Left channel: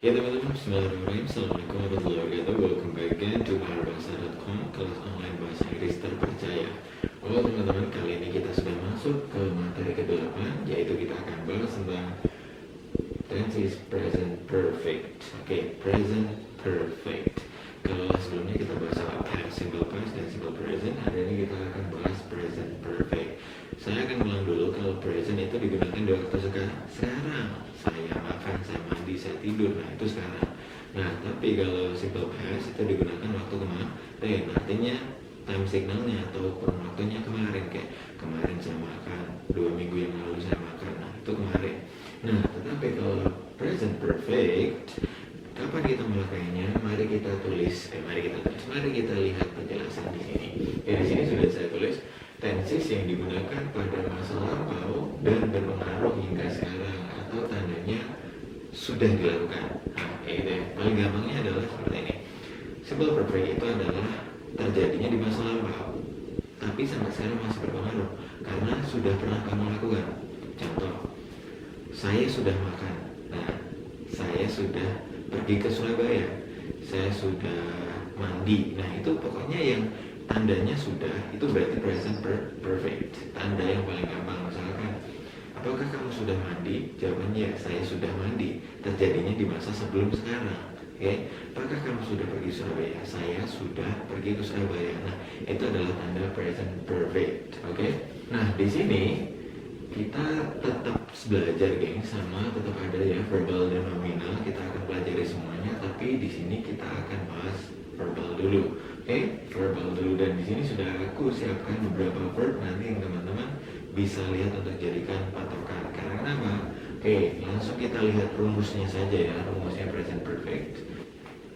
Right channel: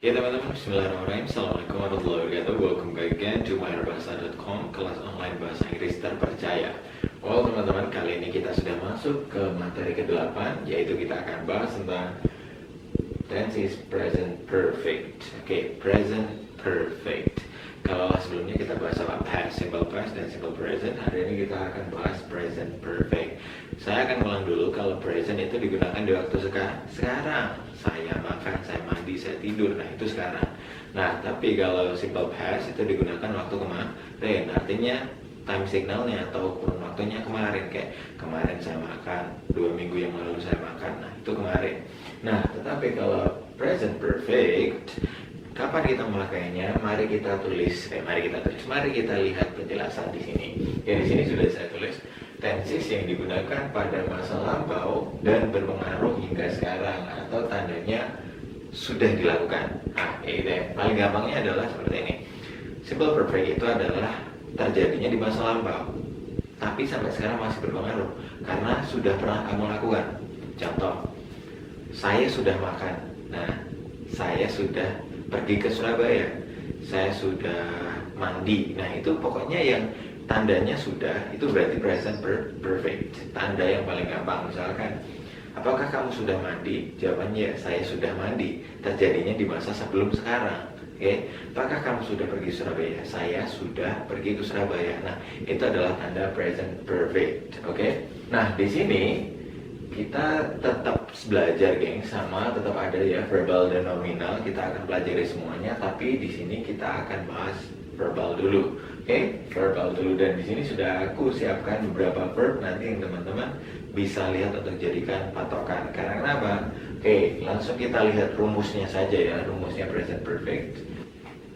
Ya teman-teman, bismillahirrahmanirrahim. Assalamualaikum warahmatullahi wabarakatuh. Welcome back again to myrbahasa.com, kelas online bahasa Inggris terpercaya. Well teman-teman, kali ini kita sudah masuk ke materi ke-8, yaitu kita akan bahas tentang tenses present perfect. Oke, present perfect. Kalau sebelumnya kita bahas apa? Past, simple past, dan simple present. Hari ini kita akan bahas present perfect. Saya akan ulang dulu. Kalau present itu digunakan di waktu sekarang. Saya makan, saya mandi, saya tidur. Nah, itu sekarang. Nah, tapi kalau simple past itu digunakan waktu kemarin. Artinya time signalnya atau kurun waktunya kemarin. Kayak kemarin saya makan, 2 minggu yang lalu saya makan. Nah, itu kemarin. Nah, tetapi kalau present perfect, kapan kita memakainya? Mari kita lihat penjelasan di sini. Ya, di sini sudah saya tulis tenses yang digunakan pada masa lampau dan berpengaruh hingga sekarang atau tandanya sudah dilakukan. Nah, itu ya. Paling gampangnya adalah seperti ini. Simple perfect itu adalah terjadinya di masa lampau, tapi sampai sekarang masih berpengaruh karena sudah pernah kamu lakukan. Contoh, saya sudah makan. Nah, saya sudah pergi ke Surabaya, saya sudah mandi. Nah, itu pokoknya yang tandanya sudah, itu berarti present perfect. Tanda yang paling gampang, misalkan, apakah kamu sudah mandi? Jawabannya, saya sudah mandi. Terjadinya di masa sebelum sekarang. Oke, apakah kamu sudah pergi Surabaya? Saya sudah pergi ke Surabaya. Nah, itu adalah tanda present perfect. Oke. Nah, di sini kita tetap belajar, geng, sama tetap ada ya verbal dan nominal. Kita akan pelajari semuanya, tapi di sini kita akan bahas verbal dulu. Oke, verbal dulu, dan di sini sudah aku siapkan beberapa verb nanti yang teman-teman bisa lihat untuk jadikan patokan. Karena kenapa? Oke, langsung kita lihat rumusnya saja ya, rumusnya present perfect.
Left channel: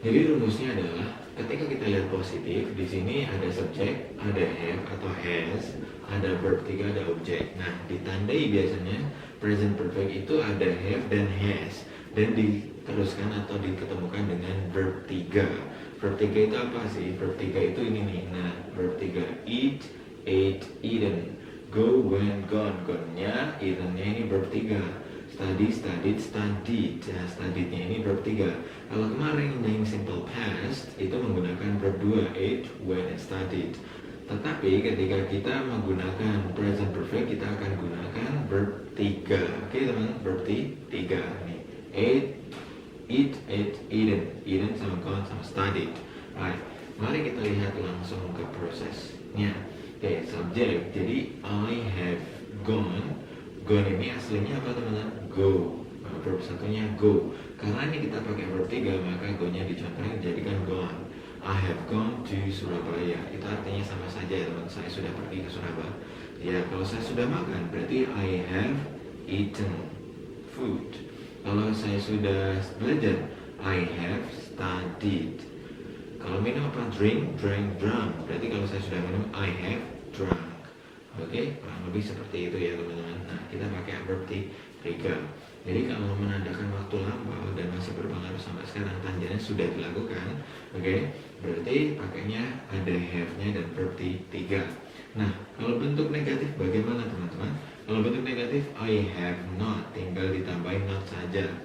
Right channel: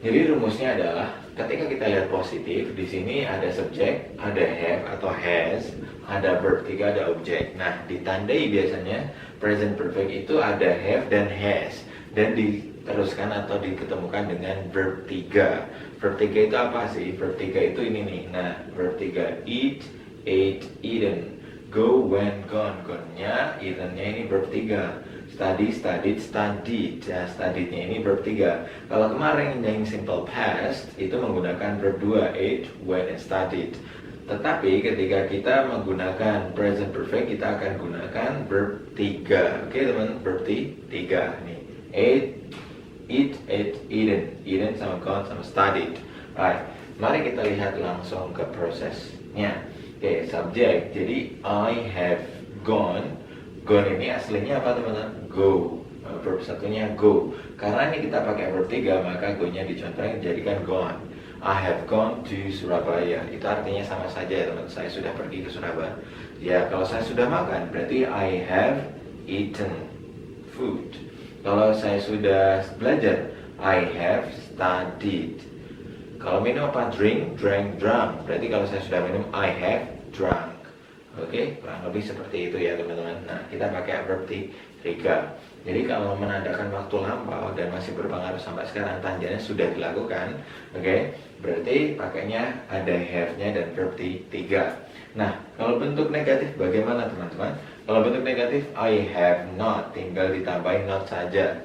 Jadi rumusnya adalah ketika kita lihat positif, di sini ada subjek, ada have atau has, ada verb 3, ada objek. Nah, ditandai biasanya present perfect itu ada have dan has, dan diteruskan atau diketemukan dengan verb 3. Verb 3 itu apa sih? Verb 3 itu ini nih. Nah, verb 3, eat, ate, eaten. Go, went, gone. Gone-nya, eaten-nya ini verb 3. Study, studied, studied. Ya, studied-nya ini verb 3. Kalau kemarin yang simple past itu menggunakan verb 2, ate, went, and studied. Tetapi ketika kita menggunakan present perfect, kita akan gunakan verb 3. Oke, teman, verb 3 nih. Ate, eat, ate, eaten. Eaten sama gone sama studied. Right. Mari kita lihat langsung ke prosesnya. Oke, subjek. Jadi I have gone. Gone ini aslinya apa, teman-teman? Go. Verb satunya go. Karena ini kita pakai verb 3, maka go-nya dicontohkan jadikan gone. I have gone to Surabaya. Itu artinya sama saja ya, teman. Saya sudah pergi ke Surabaya. Ya, kalau saya sudah makan, berarti I have eaten food. Kalau saya sudah belajar, I have studied. Kalau minum apa? Drink, drank, drunk. Berarti kalau saya sudah minum, I have drunk. Oke, kurang lebih seperti itu ya, teman-teman. Nah, kita pakai verb 3. Jadi kalau menandakan waktu lampau dan masih berpengaruh sampai sekarang, tandanya sudah dilakukan. Oke, berarti pakainya ada have-nya dan verb 3. Nah, kalau bentuk negatif bagaimana, teman-teman? Kalau bentuk negatif, I have not, tinggal ditambahin not saja.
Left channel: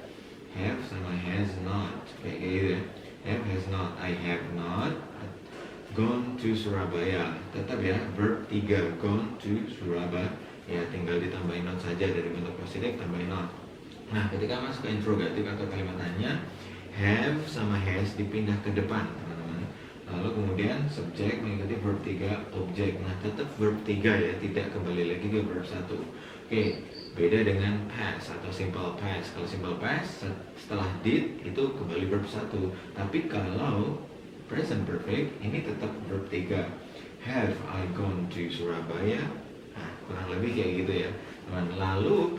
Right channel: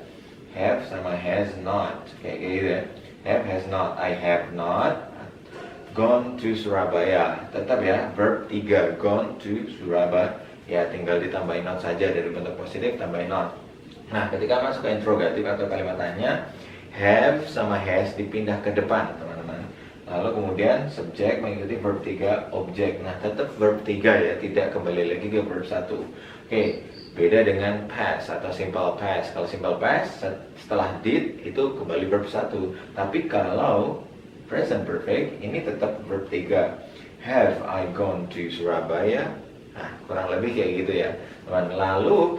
Have sama has not, kayak gitu ya. Have, has not. I have not gone to Surabaya. Tetap ya, verb 3, gone to Surabaya. Ya, tinggal ditambahin not saja, dari bentuk positif tambahin not. Nah, ketika masuk ke interrogatif atau kalimat tanya, have sama has dipindah ke depan, teman-teman. Lalu kemudian subjek mengikuti verb 3, objek. Nah, tetap verb 3 ya, tidak kembali lagi ke verb 1. Oke, beda dengan past atau simple past. Kalau simple past setelah did itu kembali verb 1. Tapi kalau present perfect ini tetap verb 3. Have I gone to Surabaya? Nah, kurang lebih kayak gitu ya, teman. Lalu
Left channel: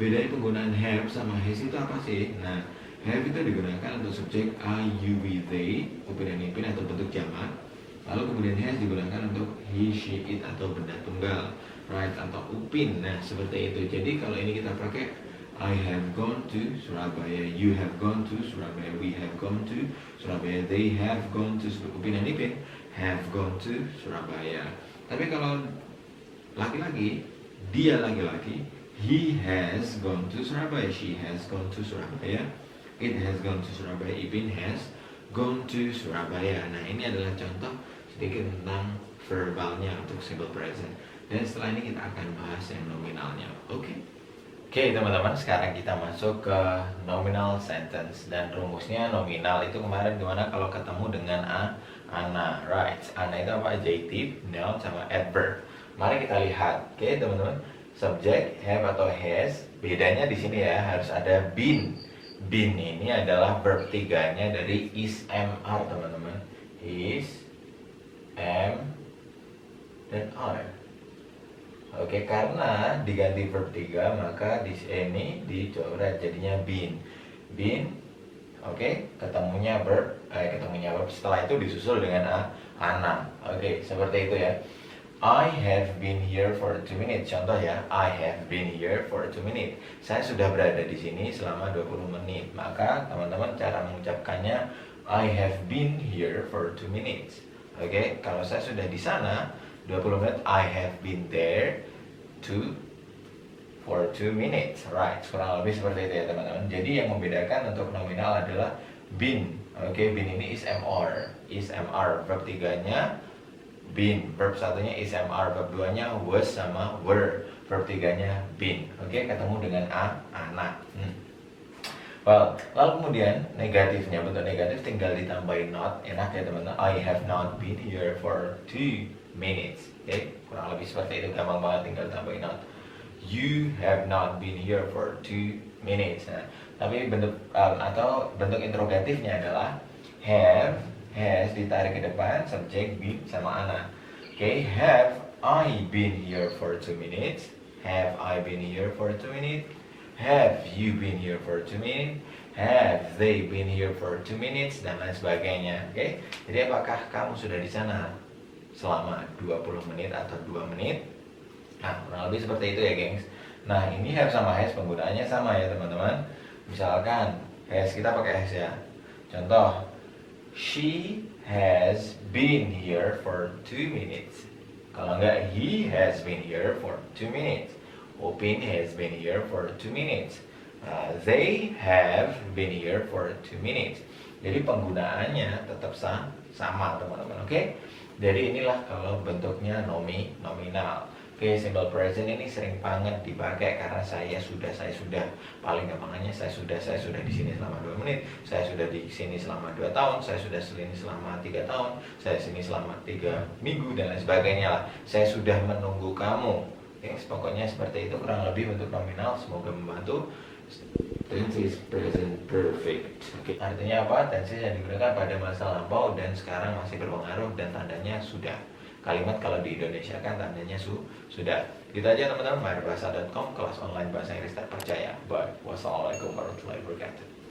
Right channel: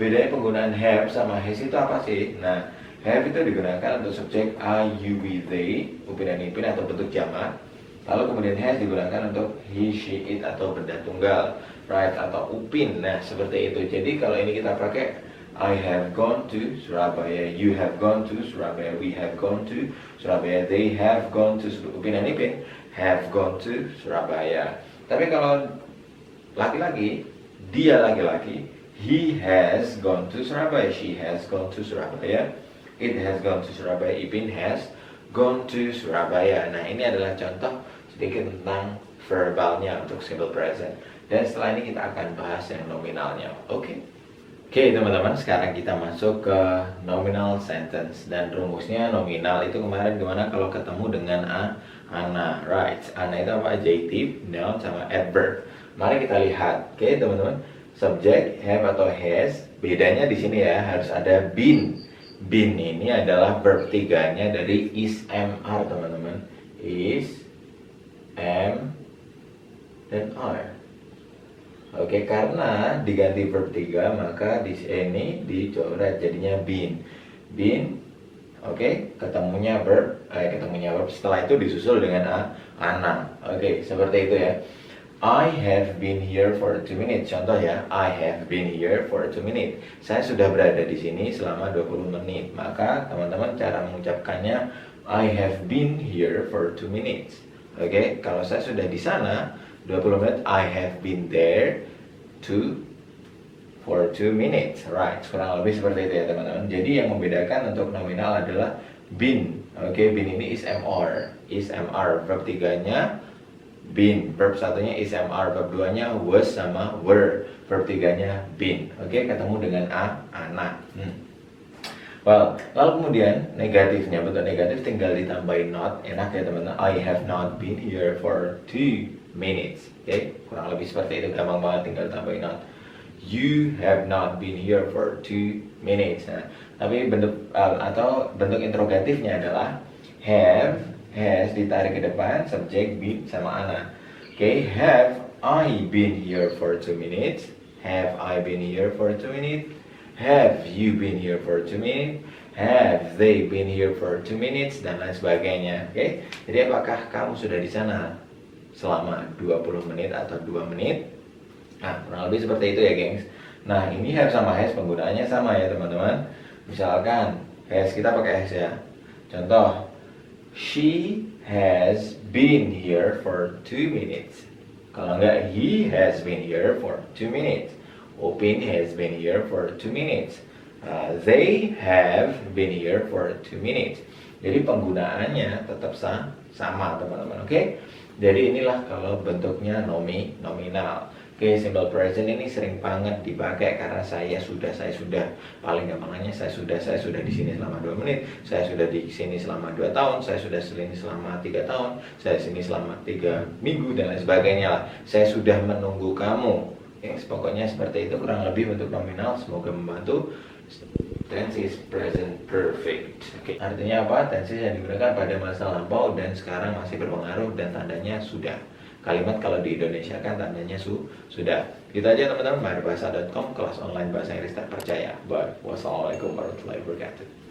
bedanya penggunaan have sama has itu apa sih? Nah, have itu digunakan untuk subjek I, you, we, they, upin dan ipin atau bentuk jamak. Lalu kemudian has digunakan untuk he, she, it atau benda tunggal, right, atau upin. Nah, seperti itu. Jadi kalau ini kita pakai I have gone to Surabaya, you have gone to Surabaya, we have gone to Surabaya, they have gone to upin dan ipin have gone to Surabaya. Tapi kalau laki-laki, dia laki-laki, he has gone to Surabaya, she has gone to Surabaya, It has gone to Surabaya. Ipin has gone to Surabaya. Nah, ini adalah contoh sedikit tentang verbalnya untuk simple present. Dan setelah ini kita akan bahas yang nominalnya. Oke? Oke teman-teman, sekarang kita masuk ke nominal sentence. Dan rumusnya nominal itu kemarin gimana kalau ketemu dengan ana, right? Ana itu apa? Adjective, noun, sama adverb. Mari kita lihat. Oke teman-teman, subject, have atau has. Bedanya di sini ya, harus ada been. Been ini adalah verb tiganya dari is, mr teman-teman. Is, am, dan are. Oke, karena diganti verb 3 maka di sini dicoret jadinya been. Been, oke, ketemunya verb setelah itu disusul dengan ana. Oke, seperti itu ya. I have been here for 2 minutes. Contoh ya, I have been here for 2 minutes. Saya sudah berada di sini selama 20 menit. Maka teman-teman cara mengucapkannya I have been here for 2 minutes. Oke, kalau saya sudah di sana 20 menit, I have been there for 2 minutes. Right, kurang lebih seperti itu ya teman-teman. Jadi yang membedakan untuk nominal adalah been. Oke, been ini is mr. Is mr, verb 3-nya been. Verb 1-nya is mr, verb 2-nya was sama were. Verb 3-nya been. Oke, ketemu dengan ana. Well, lalu kemudian negatifnya, bentuk negatif tinggal ditambahin not. Enak ya teman-teman. I have not been here for 2 minutes. Oke, kurang lebih seperti itu, gampang banget, tinggal tambahin not. You have not been here for 2 minutes. Nah, tapi bentuk bentuk interrogatifnya adalah have, has ditarik ke depan, subjek, been, sama ana. Oke, have I been here for 2 minutes? Have I been here for 2 minutes? Have you been here for 2 minutes? Have they been here for 2 minutes? Dan lain sebagainya. Oke, jadi apakah kamu sudah di sana selama 20 menit atau 2 menit? Nah, kurang lebih seperti itu ya gengs. Nah, ini have sama has penggunaannya sama ya teman-teman. Misalkan has, kita pakai has ya. Contoh, she has been here for 2 minutes. Kalau enggak, he has been here for 2 minutes. Upin has been here for 2 minutes. They have been here for 2 minutes. Jadi penggunaannya tetap sama teman-teman. Oke? Jadi inilah kalau bentuknya nominal. Oke, simple present ini sering banget dipakai karena saya sudah paling gampangnya saya sudah di sini selama 2 menit, saya sudah di sini selama 2 tahun, saya sudah di sini selama 3 tahun, saya di sini selama 3 minggu dan lain sebagainya lah. Saya sudah menunggu kamu. Pokoknya seperti itu kurang lebih bentuk nominal. Semoga membantu. Tense is present perfect. Oke, artinya apa? Tense yang digunakan pada masa lampau dan sekarang masih berpengaruh dan tandanya sudah. Kalimat kalau di Indonesia kan tandanya sudah. Gitu aja teman-teman. Maharbahasa.com, kelas online bahasa Inggris terpercaya. Bye. Wassalamualaikum warahmatullahi wabarakatuh.